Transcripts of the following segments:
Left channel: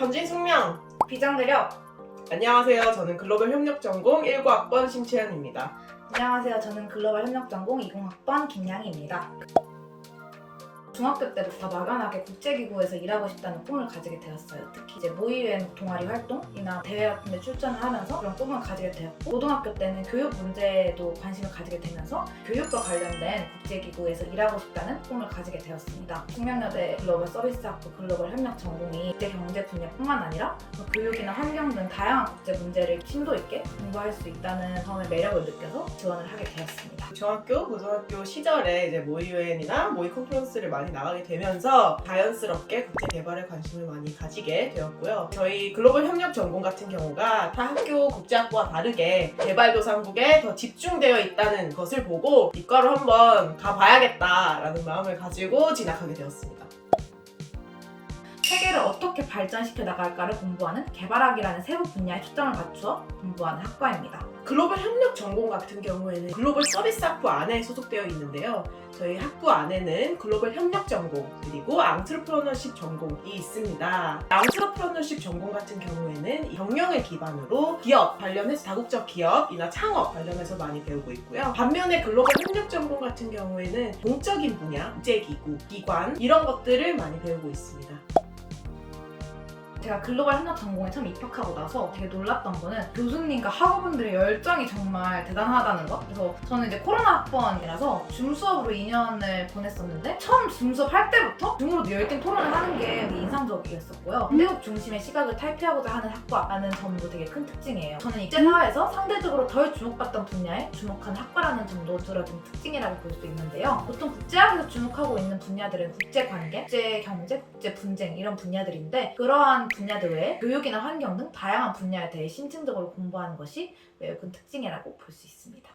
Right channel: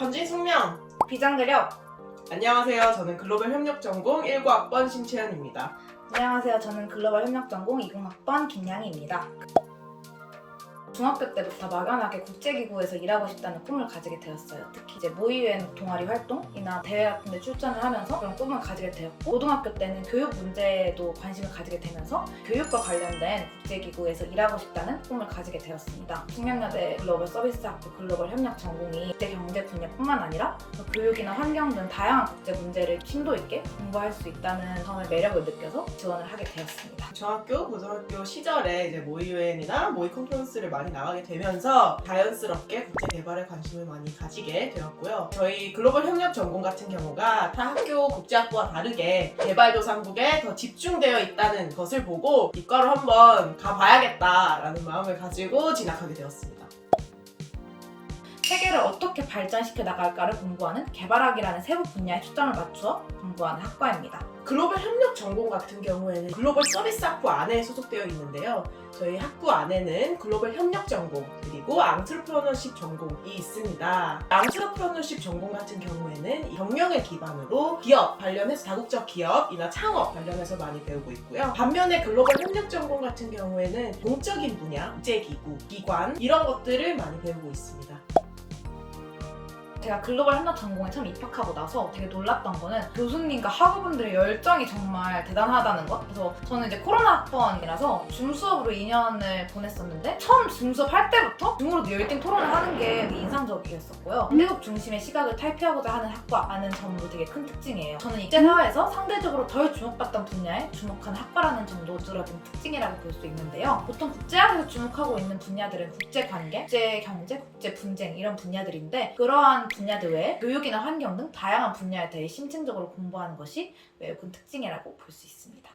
전진 숙명! 비장대력. 안녕하세요. 저는 글로벌 협력 전공 19학번 심채연입니다. 안녕하세요. 저는 글로벌 협력 전공 20학번 김양희입니다. 중학교 때부터 막연하게 국제기구에서 일하고 싶다는 꿈을 가지게 되었어요. 특히 이제 모의유엔 동아리 활동이나 대회 같은 데 출전을 하면서 그런 꿈을 가지게 되었고, 고등학교 때는 교육 문제에도 관심을 가지게 되면서 교육과 관련된 국제기구에서 일하고 싶다는 꿈을 가지게 되었습니다. 숙명여대 글로벌 서비스학부 글로벌 협력 전공이 국제 경제 분야뿐만 아니라 교육이나 환경 등 다양한 국제 문제를 심도 있게 공부할 수 있다는 점의 매력을 느껴서 지원을 하게 되었습니다. 중학교, 고등학교 시절에 이제 모의-유엔이나 모의 컨퍼런스를 많이 나가게 되면서 자연스럽게 국제 개발에 관심을 많이 가지게 되었고요. 저희 글로벌 협력 전공 같은 경우가 타 학교 국제학부와 다르게 개발도상국에 더 집중되어 있다는 것을 보고 이과로 한번 가봐야겠다라는 마음을 가지고 진학하게 되었습니다. 세계를 어떻게 발전시켜 나갈까를 공부하는 개발학이라는 세부 분야에 초점을 맞추어 공부하는 학과입니다. 글로벌 협력 전공 같은 경우에는 글로벌 서비스 학부 안에 소속되어 있는데요. 저희 학부 안에는 글로벌 협력 전공 그리고 앙트르프러너십 전공이 있습니다. 앙트르프러너십 전공 같은 경우에는 경영을 기반으로 기업 관련해서 다국적 기업이나 창업 관련해서 많이 배우고 있고요. 반면에 글로벌 협력 전공 같은 경우에는 공적인 분야, 국제기구, 기관 이런 것들을 많이 배우고 있습니다. 제가 글로벌 협력 전공에 처음 입학하고 나서 되게 놀랐던 거는 교수님과 학우분들의 열정이 정말 대단하다는 것. 그래서 저는 이제 코로나 학번이라서 줌 수업으로 2년을 보냈었는데 처음 줌 수업 할 때부터 줌으로 열띤 토론을 하는 게 되게 인상적이었었고요. 미국 중심의 시각을 탈피하고자 하는 학과라는 점도 되게 큰 특징이에요. 저는 국제사회에서 상대적으로 덜 주목받던 분야에 주목하는 학과라는 점도 두드러진 특징이라고 볼 수 있는데요. 보통 국제학에서 주목하고 있는 분야들은 국제관계, 국제경제, 국제분쟁 이런 분야들인데, 그러한 분야들 외에 교육이나 환경 등 다양한 분야에 대해 심층적으로 공부하는 것이 매우 큰 특징이라고 볼 수 있습니다.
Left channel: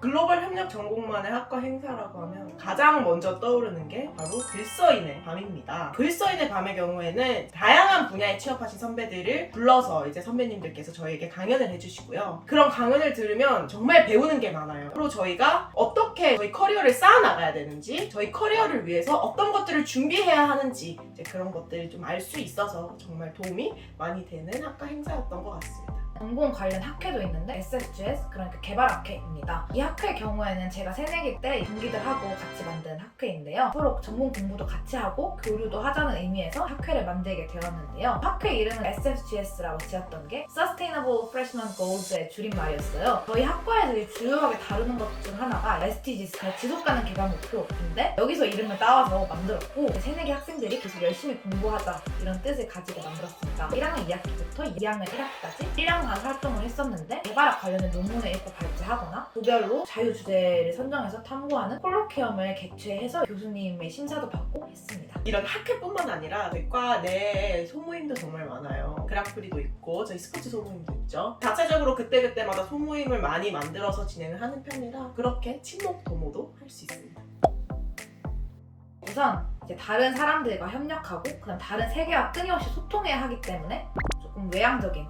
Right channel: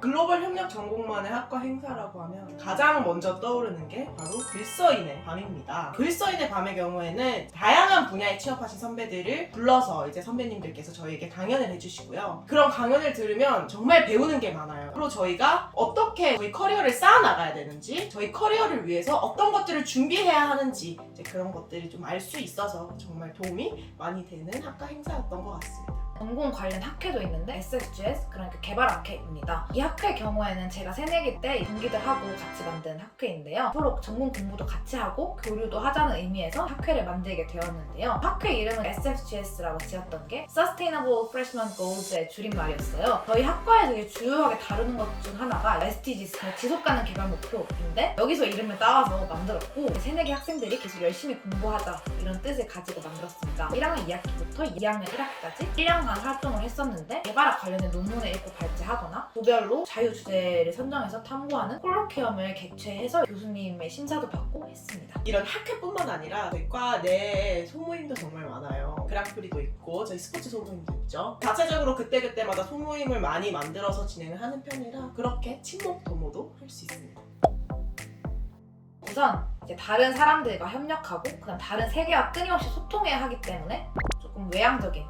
글로벌 협력 전공만의 학과 행사라고 하면 가장 먼저 떠오르는 게 바로 글써인의 밤입니다. 글써인의 밤의 경우에는 다양한 분야에 취업하신 선배들을 불러서 이제 선배님들께서 저희에게 강연을 해주시고요. 그런 강연을 들으면 정말 배우는 게 많아요. 그리고 저희가 어떻게 저희 커리어를 쌓아나가야 되는지, 저희 커리어를 위해서 어떤 것들을 준비해야 하는지 이제 그런 것들을 좀 알 수 있어서 정말 도움이 많이 되는 학과 행사였던 것 같습니다. 전공 관련 학회도 있는데 SFGS, 그러니까 개발학회입니다. 이 학회 경우에는 제가 새내기 때 동기들하고 같이 만든 학회인데요. 서로 전공 공부도 같이 하고 교류도 하자는 의미에서 학회를 만들게 되었는데요. 학회 이름은 SFGS라고 지었던 게 Sustainable Freshman Goals의 줄임말이었어요. 저희 학과에서 주요하게 다루는 것 중 하나가 SDGs, 지속가능 개발 목표인데 여기서 이름을 따와서 만들었고, 새내기 학생들이 계속 열심히 공부하자 이런 뜻을 가지고 만들었습니다. 1학년 2학기부터 2학년 1학기까지 1년간 활동을 했었는데, 개발학 관련된 논문을 읽고 발제하거나 조별로 자유주제를 선정해서 탐구하는 콜로퀴엄을 개최해서 교수님의 심사도 받고 했습니다. 이런 학회뿐만 아니라 저희 과 내에 소모임도 정말 많아요. 그랑프리도 있고 저희 스포츠 소모임도 있죠. 자체적으로 그때그때마다 소모임을 많이 만들어서 진행을 하는 편이라 그렇게 친목 도모도 할 수 있습니다. 우선 이제 다른 사람들과 협력하고 그다음 다른 세계와 끊임없이 소통해야 하기 때문에 조금 외향적인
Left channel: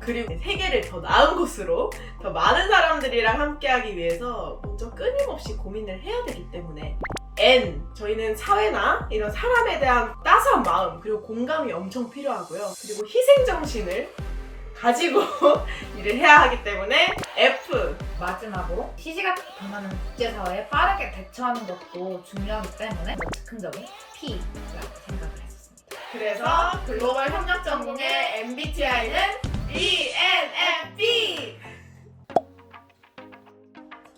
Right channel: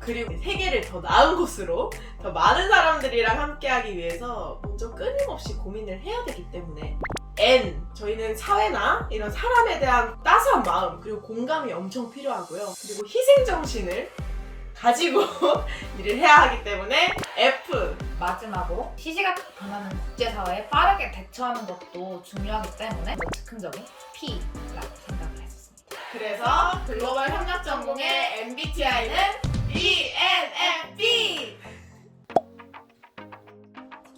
그리고 세계를 더 나은 곳으로 더 많은 사람들이랑 함께하기 위해서 먼저 끊임없이 고민을 해야 되기 때문에 N, 저희는 사회나 이런 사람에 대한 따스한 마음 그리고 공감이 엄청 필요하고요. 그리고 희생정신을 가지고 일을 해야 하기 때문에 F, 마지막으로 시시각각 변하는 국제사회에 빠르게 대처하는 것도 중요하기 때문에 즉흥적인 P라고 생각을 했었습니다. 그래서 글로벌 협력 전공의 MBTI는 ENFP!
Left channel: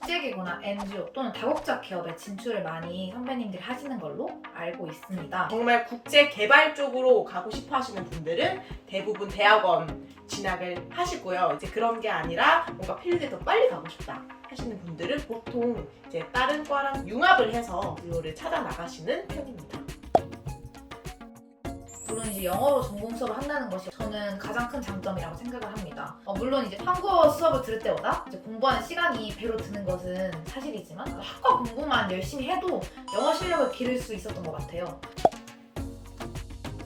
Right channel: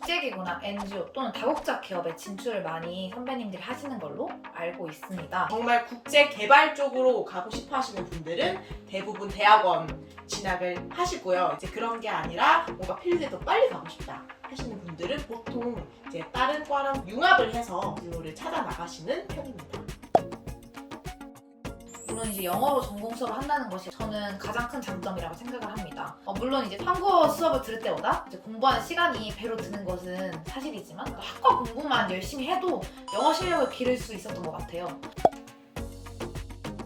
국제기구나 NGO 또는 다국적 기업에 진출을 많이 선배님들이 하시는 걸로 알고 있습니다. 정말 국제 개발 쪽으로 가고 싶어 하시는 분들은 대부분 대학원 진학을 하시고요. 이제 그런 게 아니라 뭔가 필드에 더 빨리 가고 싶다 하시는 분들은 보통 이제 다른 과랑 융합을 해서 진로를 찾아 나가시는 편입니다. 물론 이제 영어로 전공 수업을 한다는 것이 저는 가장 큰 장점이라고 생각을 합니다. 물론 이제 한국어 수업을 들을 때보다 이제 공부하는 시간이 배로 드는 것은 사실이지만 학과 공부만 열심히 해도 영어 실력을 기를 수 있었던 것 같아요.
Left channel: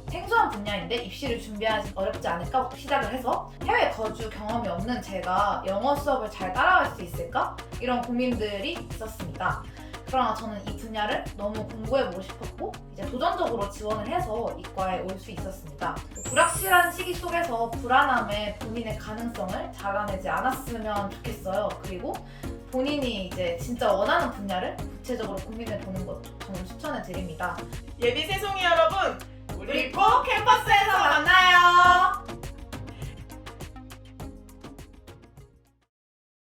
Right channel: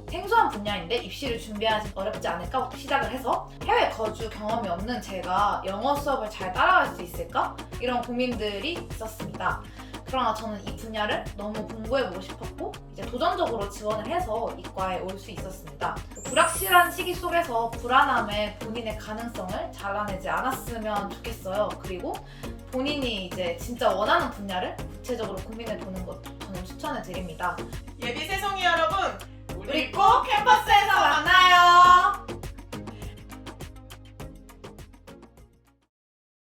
생소한 분야인데 입시를 준비하기 어렵지 않을까부터 시작을 해서 해외 거주 경험이 없는 제가 영어 수업을 잘 따라갈 수 있을까? 이런 고민들이 있었습니다. 그러나 저는 이 분야를 너무 공부해보고 싶었고 이제 도전적으로 지원을 해서 이과에 올 수 있었습니다. 불확실한 시기 속에서 불안함에 본인의 가능성을 잘라내지 않았으면 좋겠어요. 그리고 본인이 이제 진짜 원하는 분야를 구체적으로 고민해보는 것도 저는 추천해드립니다. 예비 세송이 여러분, 우리 꼭 캠퍼스에서